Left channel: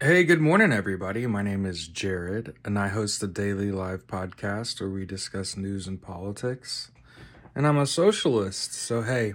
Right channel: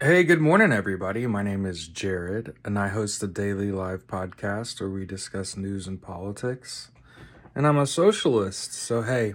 Hey, good morning, everybody. My name is Jared, and I host a daily live podcast where we discuss news and politics. And I'm a socialist, so hey,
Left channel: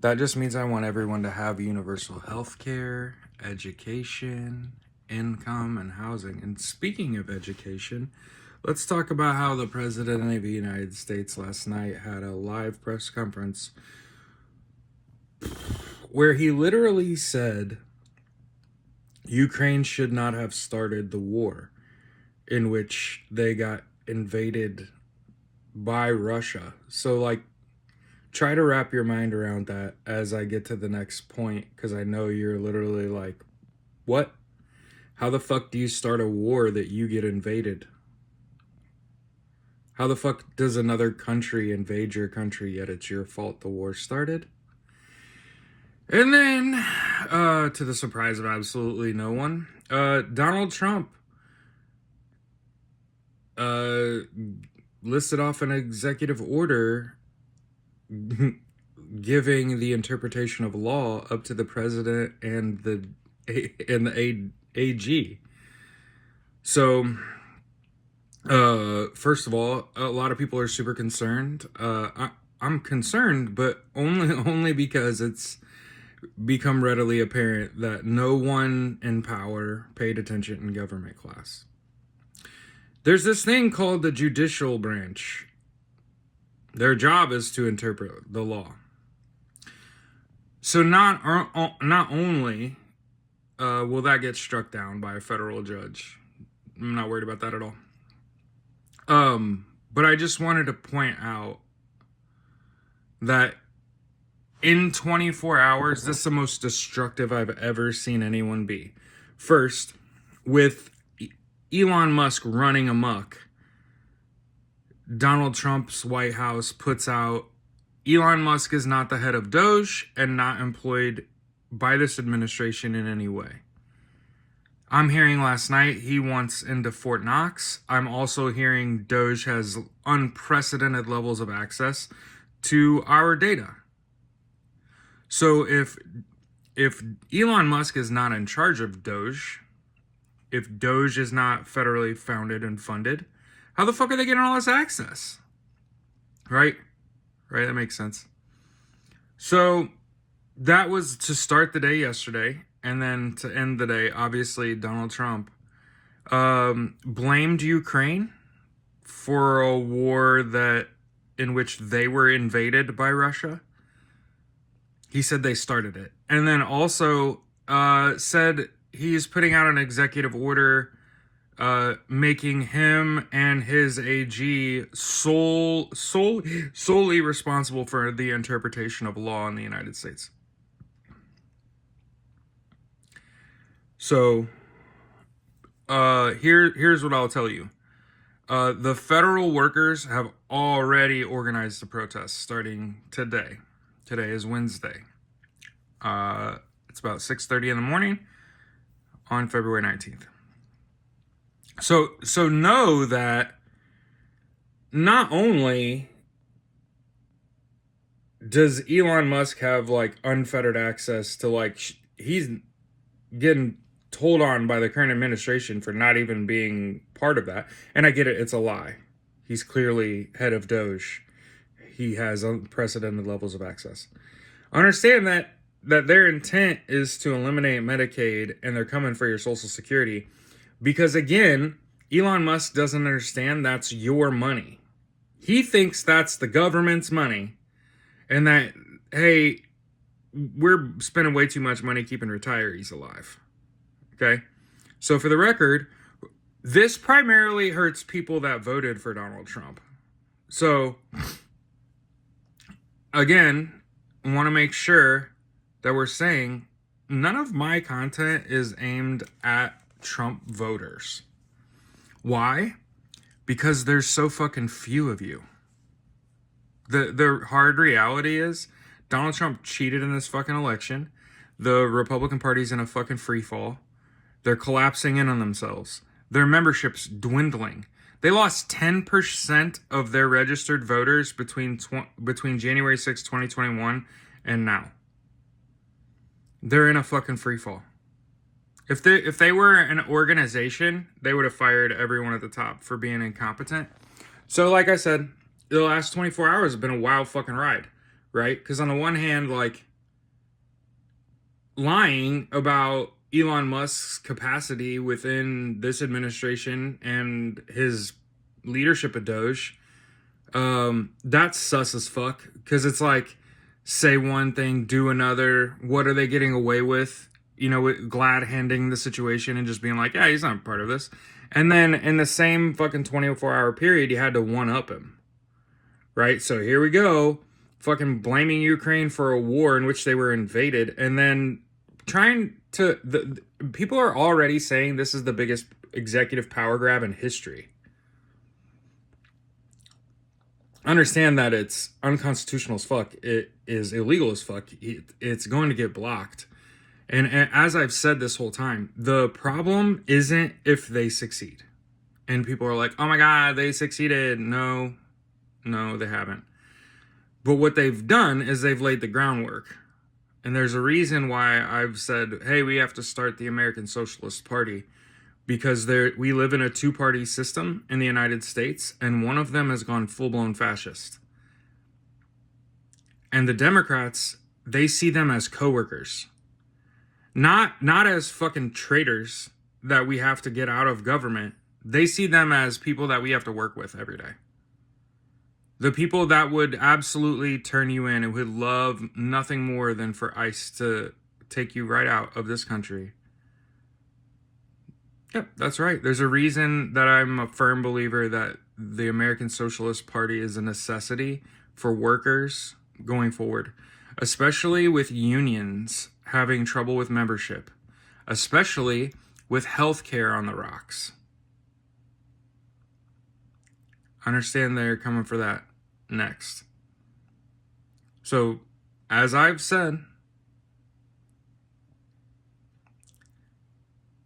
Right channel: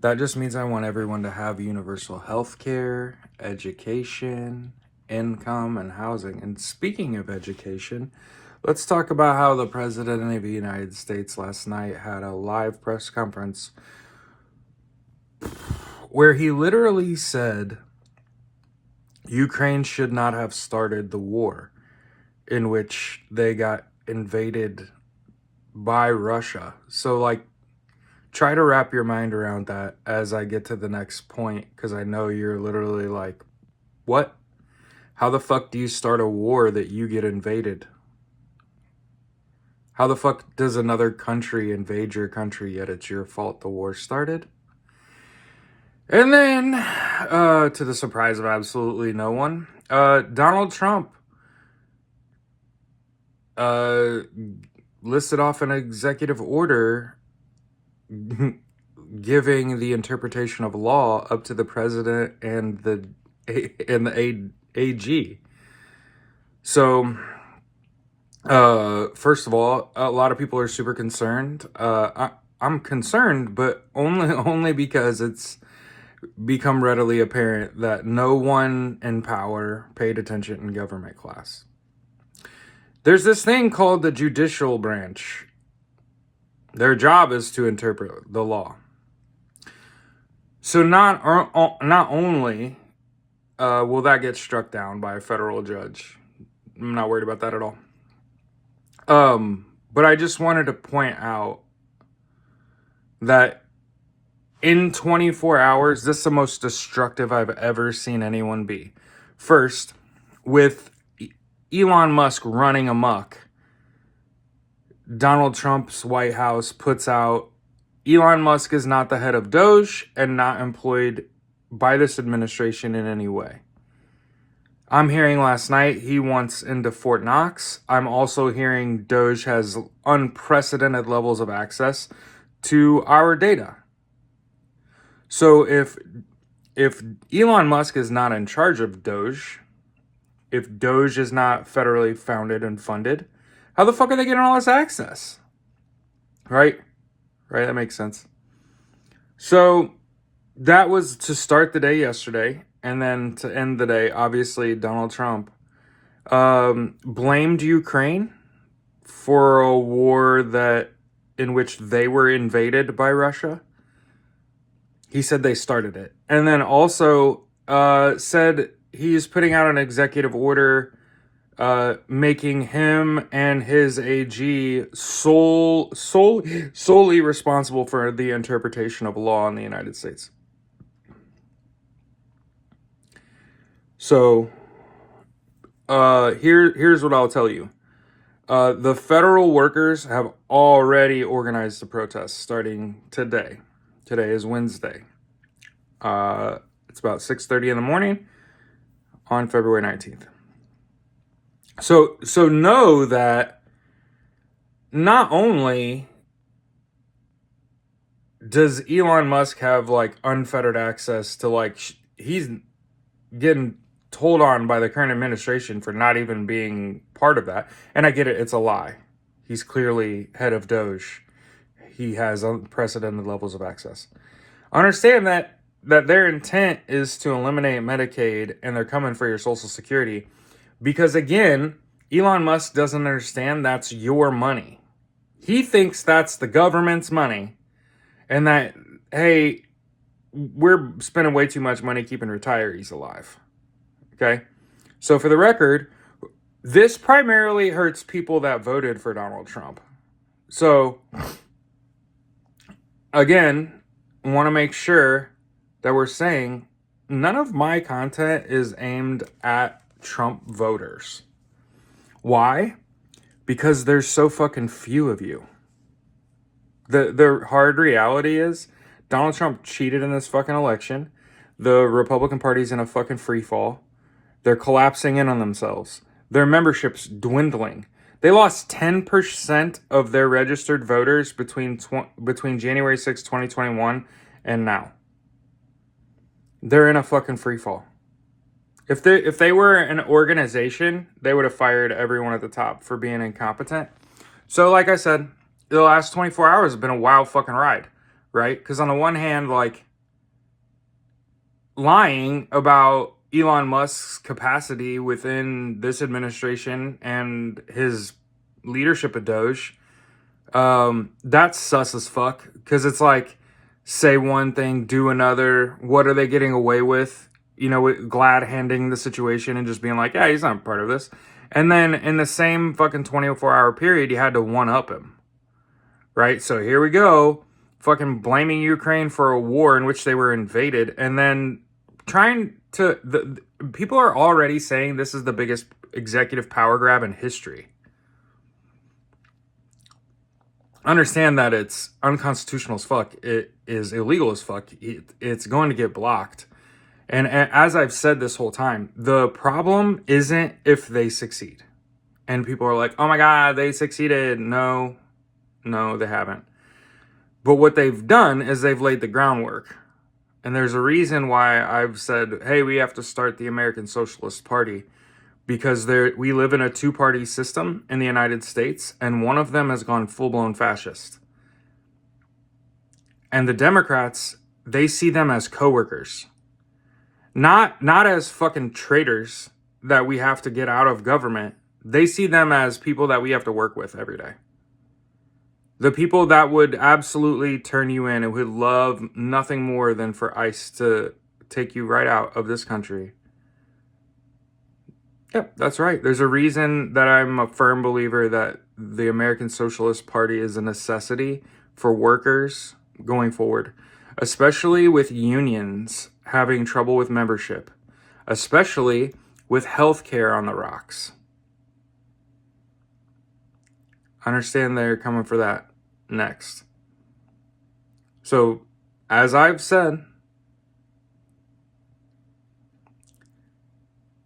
that just means I want everyone to have universal health care, education, income, and housing. And speaking of education, let's talk about how the President of the United States last night had a live press conference where he literally said Ukraine should not have started the war in which they got invaded by Russia. So, like, try to wrap your mind around that as I get to the next point, because I know you're literally like, what? How the fuck do you start a war that you get invaded? How the fuck does another country invade your country yet it's your fault the war started? And then, to the surprise of absolutely no one, Donald Trump uh, listed off an executive order giving the interpretation of law up to the president and the AG. So, first of all, a lot of people are super concerned. I'm concerned, but only because it's become readily apparent that no one in power paid attention in government class. There's this thing called the judicial branch. Their job is to interpret the law. So not only will that get struck down by a federal judge, I'm not worried about that at all. But I just wanted to point out that in 24 hours, this is the most destructive I've ever seen anyone be. First, with Elon Musk running amok, Donald Trump's White House puts out Elon Musk is not the head of Doge and not employed by this administration in any way. I'm hearing last night he wants into Fort Knox. I'm also hearing Doge has unprecedented levels of access to our data. So if Elon Musk is not in charge of Doge, if Doge is not federally founded and funded, how the fuck are they getting all this access? Right? Right, that makes sense. So that was to start the day yesterday, and then to end the day, obviously Donald Trump blamed Ukraine for a war in which they were invaded by Russia. He said they started it, and then also said he's putting out an executive order making him and his AG solely responsible for the interpretation of law in the United States. So, here's what I'll tell you. The federal workers have already organized the protests starting today. Today is Wednesday. It's about 6:30 in the morning on February 19th. So know that not only does Elon Musk have like unfettered access to he's getting told on by the current administration for not even being part of that. And I get it, it's a lie. He's clearly head of Doge. He has unprecedented levels of access. Understand that their intent is to eliminate Medicaid and they're coming for your Social Security. Because again, Elon Musk doesn't understand that's your money. He thinks that's the government's money and that, hey, we're spending way too much money keeping retirees alive. Okay? So for the record, this primarily hurts people that voted for Donald Trump. So, again, I want to make sure that we're saying none of my content is aimed at Trump voters. Why? Because there's so fucking few of you. The hard reality is Donald Trump cheated in this fucking election. The Republican Party's in a fucking free fall. They're collapsing in on themselves. Their membership's dwindling. They lost 10% of their registered voters between January 6, 2021 and now. They're in a fucking free fall. If they were an organization, they would have fired everyone at the top for being incompetent. So, like I said, the last 24 hours have been a wild fucking ride, right? Because on the one hand, like, lying about Elon Musk's capacity within this administration and his leadership of Doge, that's sus as fuck. Because it's like, say one thing, do another. What are they getting away with? You know, glad handing the situation and just being like, yeah, he's not part of this. And then in the same fucking 24-hour period, you had to one up him, right? So here we go, fucking blaming Ukraine for a war in which they were invaded, and then trying to people are already saying this is the biggest executive power grab in history. Understand that it's unconstitutional as fuck. It is illegal as fuck. It's going to get blocked. And as I've said this whole time, the problem isn't if they succeed. And people are like, oh my God, they succeeded. No, they haven't. But what they've done is they've laid the groundwork. And there's a reason why I've said, hey, we have to start the American Socialist Party. Because we live in a two-party system in the United States, and one of them has gone full-blown fascist. And the Democrats, they see them as coworkers. Not as fucking traitors that we have to get out of government. They see them as people that we have to work with every day. The people that would absolutely turn you in and would love nothing more than for ICE to take you right out of this country. Yep, that's right. There's a reason that I'm a firm believer that the American Socialist Party is a necessity for workers going forward, especially with unions having trouble with membership, especially with healthcare on the rocks. Understand they're coming for that next. So, as I've said,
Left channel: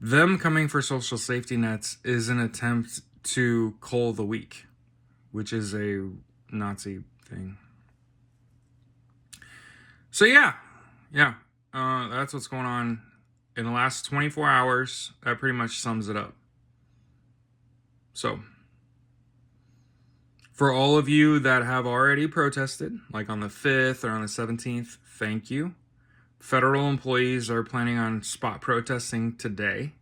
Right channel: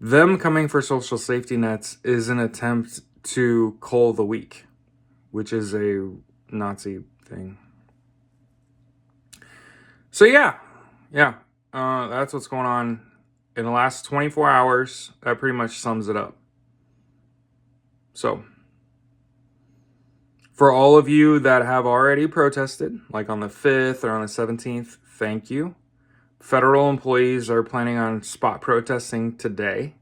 them coming for social safety nets is an attempt to cull the weak, which is a Nazi thing. So yeah, that's what's going on in the last 24 hours. That pretty much sums it up. So, for all of you that have already protested, like on the 5th or on the 17th, thank you. Federal employees are planning on spot protesting today.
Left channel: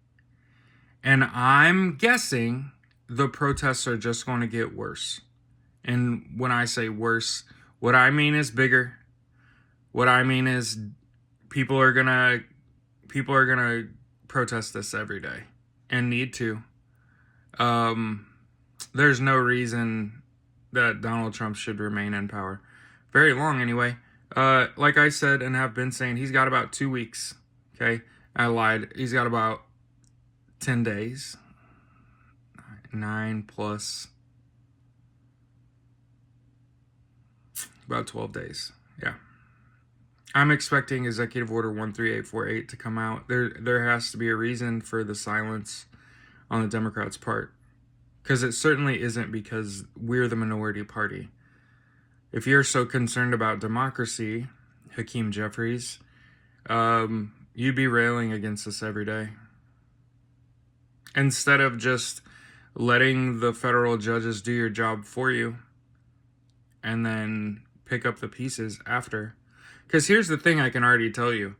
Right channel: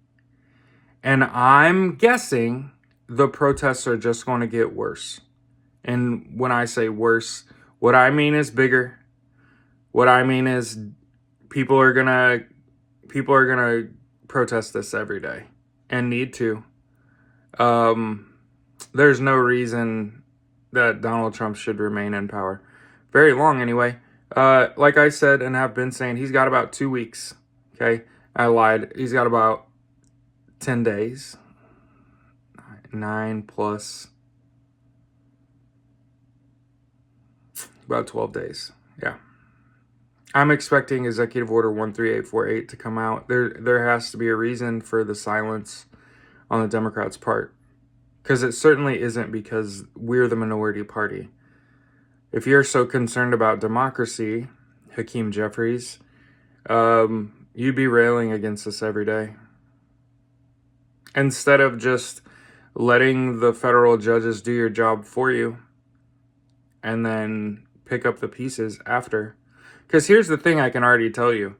And I'm guessing the protests are just going to get worse. And when I say worse, what I mean is bigger. What I mean is people are gonna protest this every day and need to. There's no reason that Donald Trump should remain in power very long anyway. Like I said and have been saying, he's got about 2 weeks. Okay, I lied. He's got about 10 days. 9 plus about 12 days. Yeah. I'm expecting Executive Order 13848 to come out. There has to be a reason for the silence on the Democrats' part. Because it certainly isn't because we're the minority party. If you're so concerned about democracy, Hakeem Jeffries, you'd be railing against us every day. Instead of just letting the federal judges do your job for you and then pick up the pieces after. Because here's the thing I can already tell you.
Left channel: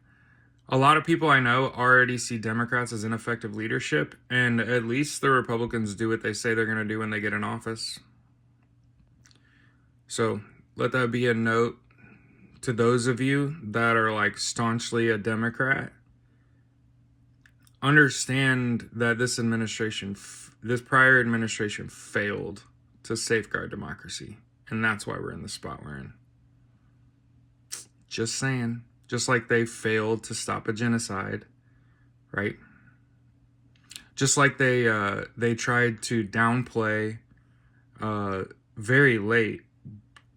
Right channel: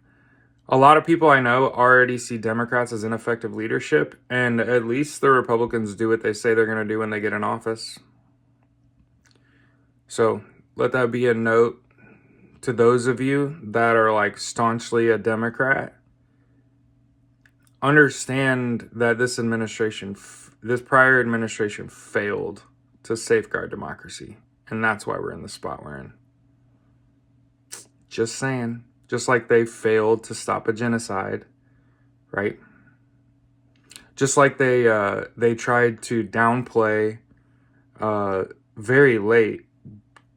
A lot of people I know already see Democrats as ineffective leadership, and at least the Republicans do what they say they're going to do when they get in office. So let that be a note to those of you that are like staunchly a Democrat. Understand that this prior administration failed to safeguard democracy, and that's why we're in the spot we're in. Just saying. Just like they failed to stop a genocide, right? Just like they tried to downplay very late.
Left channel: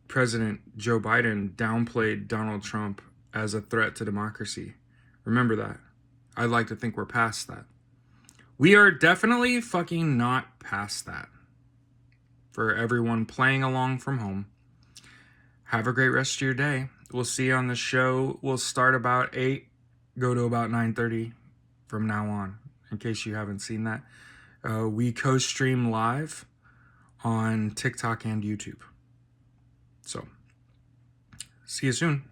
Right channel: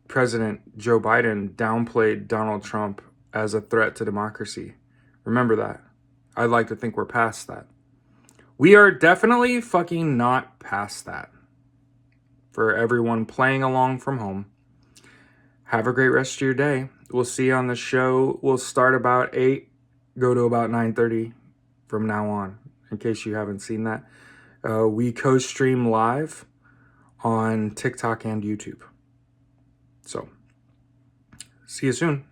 President Joe Biden downplayed Donald Trump as a threat to democracy. Remember that. I'd like to think we're past that. We are definitely fucking not past that. For everyone playing along from home, have a great rest of your day. We'll see you on the show. We'll start about 8, go to about 9:30 from now on, in case you haven't seen that. We co-stream live on TikTok and YouTube. So, see you soon.